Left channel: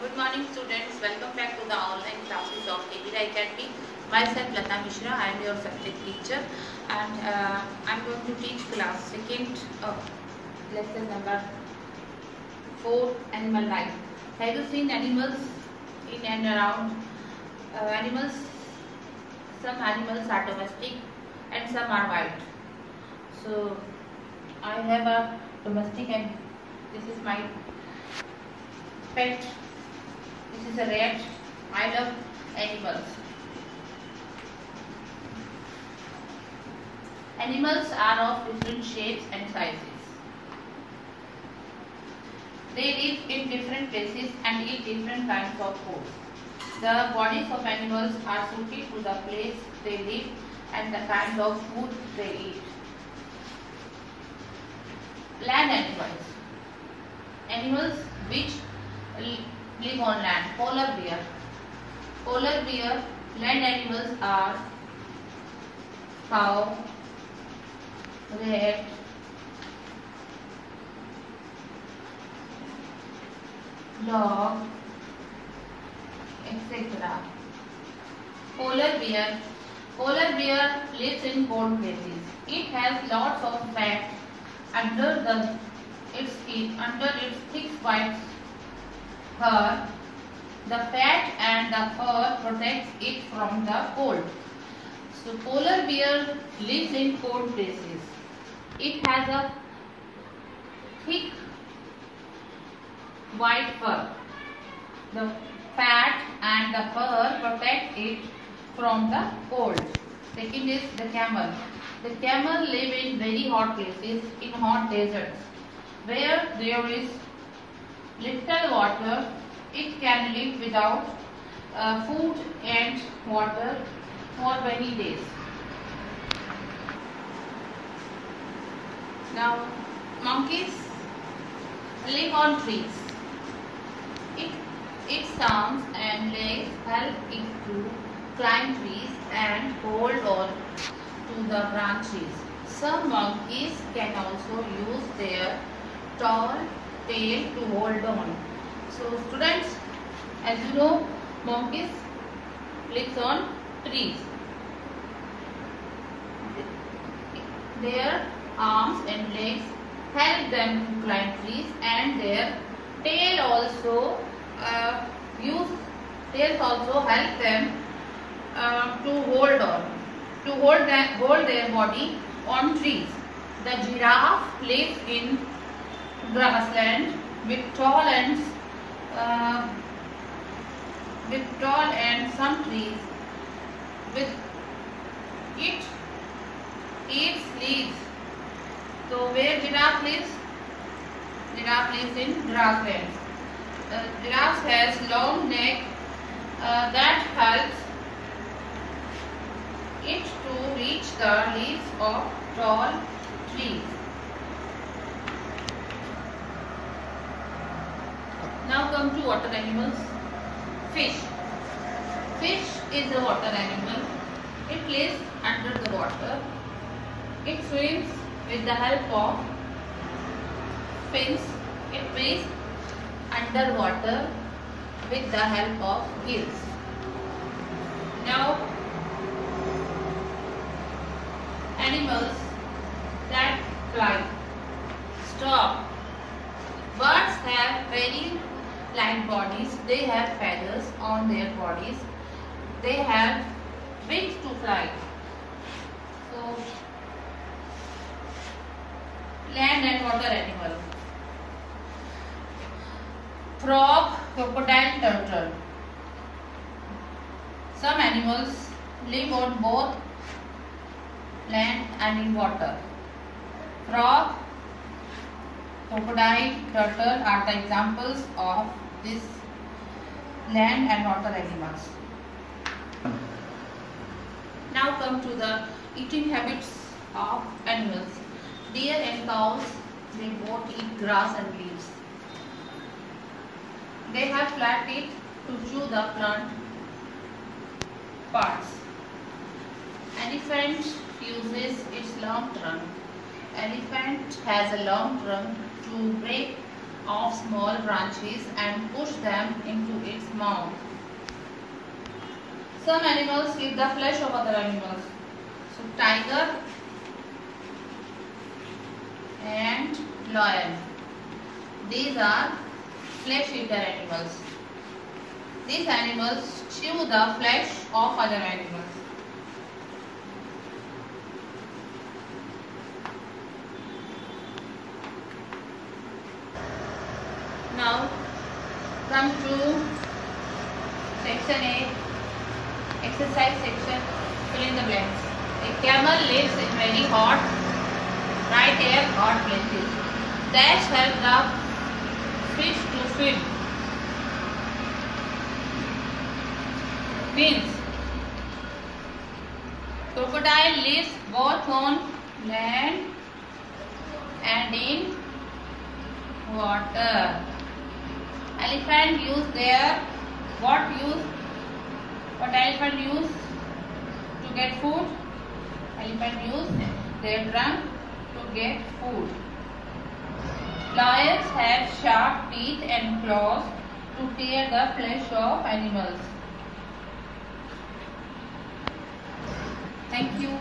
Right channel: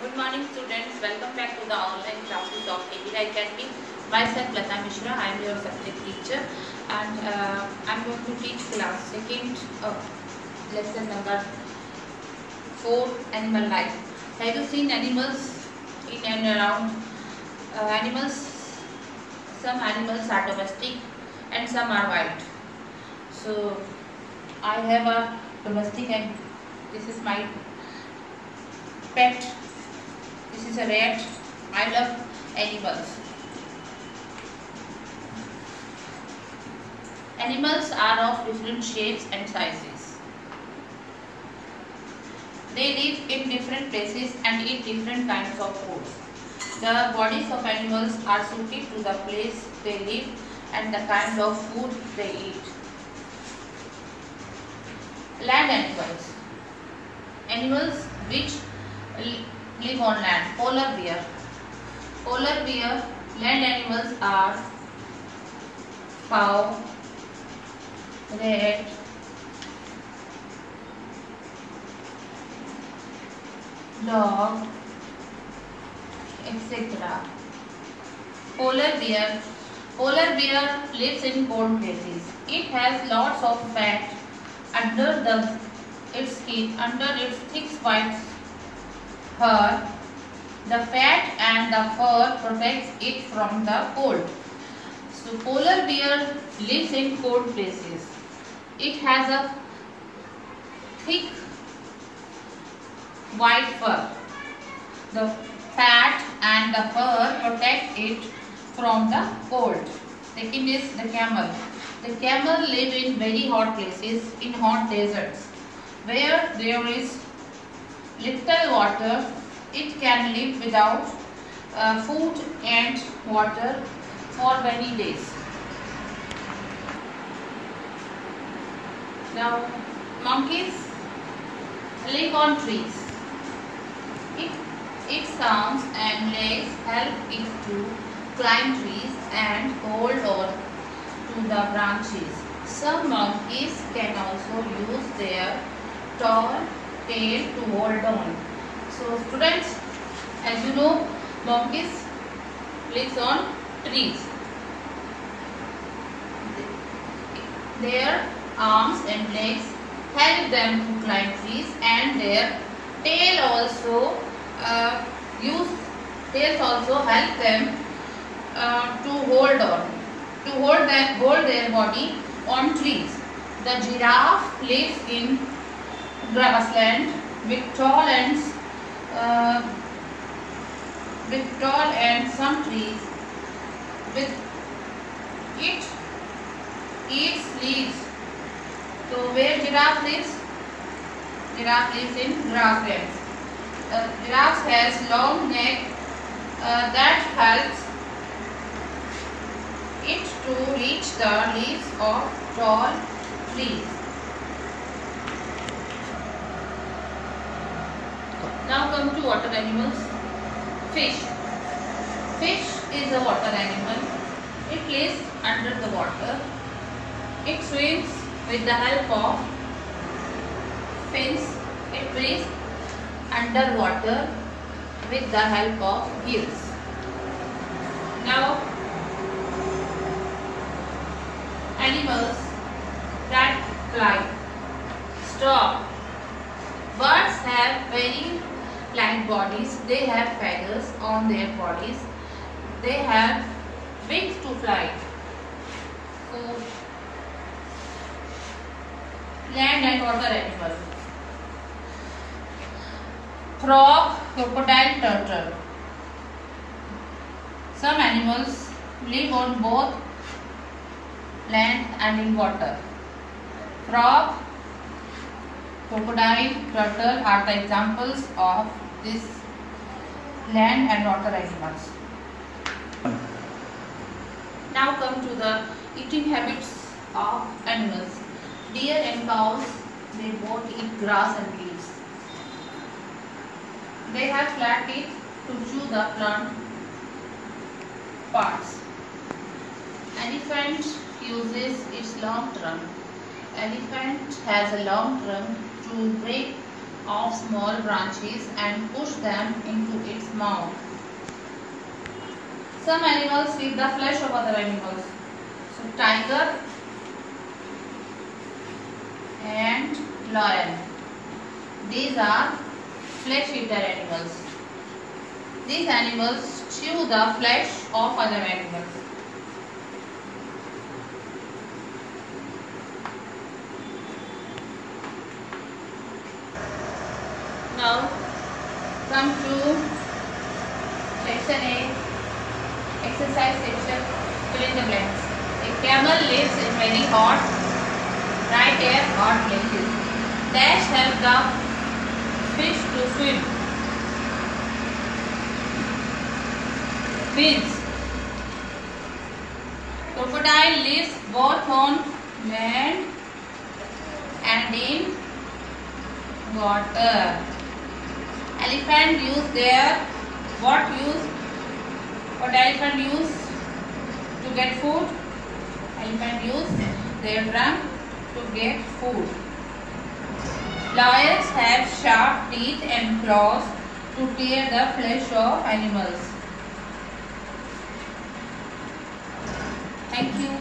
Good morning students, welcome back to the online classes of KVI Academy. Myself Lata Mishra, I am your subject teacher and I am going to teach class 2nd lesson number 4 animal life. Have you seen animals in and around animals? Some animals are domestic and some are wild. So I have a domestic and this is my pet. This is a rat. I love animals. Animals are of different shapes and sizes. They live in different places and eat different kinds of food. The bodies of animals are suited to the place they live and the kind of food they eat. Land animals. Animals which live on land. Polar bear. Polar bear land animals are cow, rat, dog, etc. Polar bear lives in cold places. It has lots of fat under its skin, under its thick white fur. The fat and the fur protects it from the cold. So polar bear lives in cold places. It has a thick white fur. The fat and the fur protect it from the cold. Second is the camel. The camel live in very hot places, in hot deserts, where there is little water. It can live without food and water for many days. Now, monkeys live on trees. Its arms and legs help it to climb trees and hold on to the branches. Some monkeys can also use their tall tail to hold on. So students, as you know, monkeys live on trees. Their arms and legs help them to climb trees, and their tail also help them to hold their body on trees. The giraffe lives in grassland with tall and some trees. It eats leaves. So where giraffe lives? Giraffe lives in grasslands. Giraffe has long neck that helps it to reach the leaves of tall trees. Now come to water animals. Fish. Fish is a water animal. It lives under the water. It swims with the help of fins. It breathes underwater with the help of gills. Now, animals that fly. Stork. Birds have very light bodies. They have feathers on their bodies. They have wings to fly. So, land and water animal. Frog, crocodile, turtle. Some animals live on both land and in water. Frog, crocodile, turtle are the examples of this land and water animals. Now come to the eating habits of animals. Deer and cows, they both eat grass and leaves. They have flat teeth to chew the plant parts. Elephant uses its long trunk. Elephant has a long trunk to break of small branches and push them into its mouth. Some animals eat the flesh of other animals. So tiger and lion. These are flesh eater animals. These animals chew the flesh of other animals. Now come to section A, exercise section, fill in the blanks. A camel lives in very hot, dry air, hot places. Dash help the fish to swim. Fins. Crocodile lives both on land and in water. Elephant use their what elephant use to get food? Elephant use their trunk to get food. Lions have sharp teeth and claws to tear the flesh of animals. Thank you.